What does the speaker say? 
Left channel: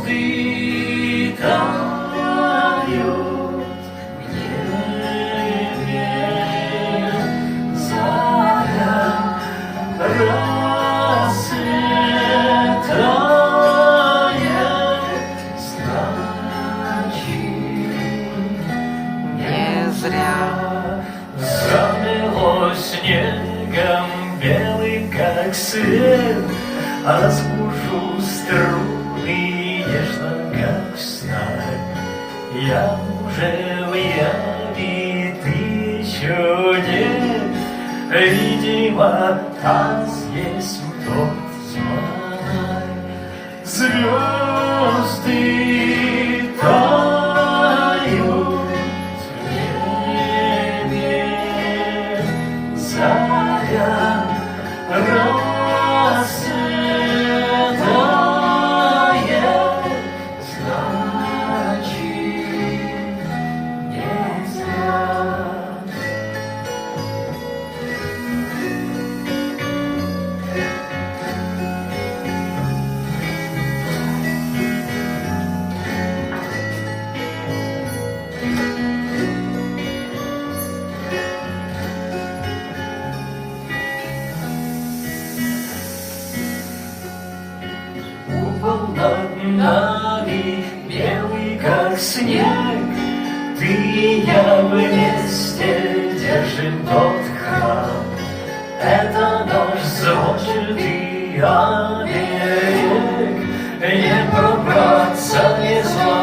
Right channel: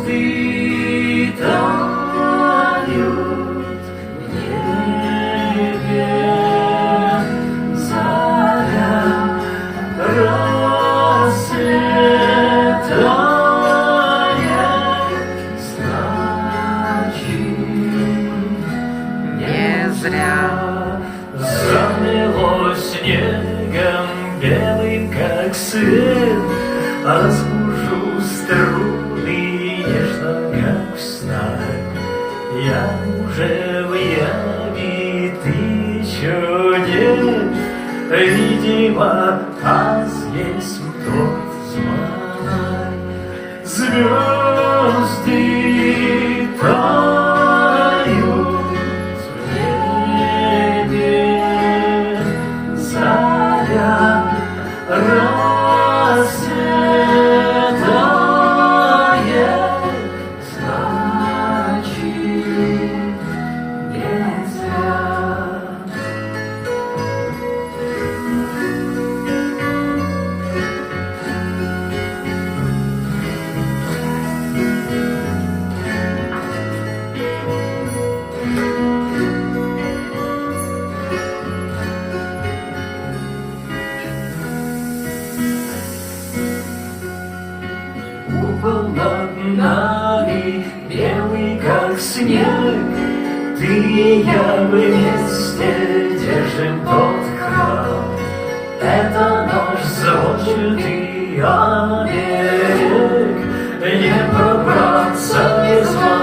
Звезды тают в небе, заря расцветает, значит, не зря замело снегом белым, как свет, разбужу струны нежно, как сталь. Я уже в яме, ты еще нет, видимо, нас есть тот змай. Звезды тают в небе, заря расцветает, значит, не зря. Купол над нами белый, как снег, ты и я вместе держим тот храм. Это наш звончатый оберег, не пробраться без вас.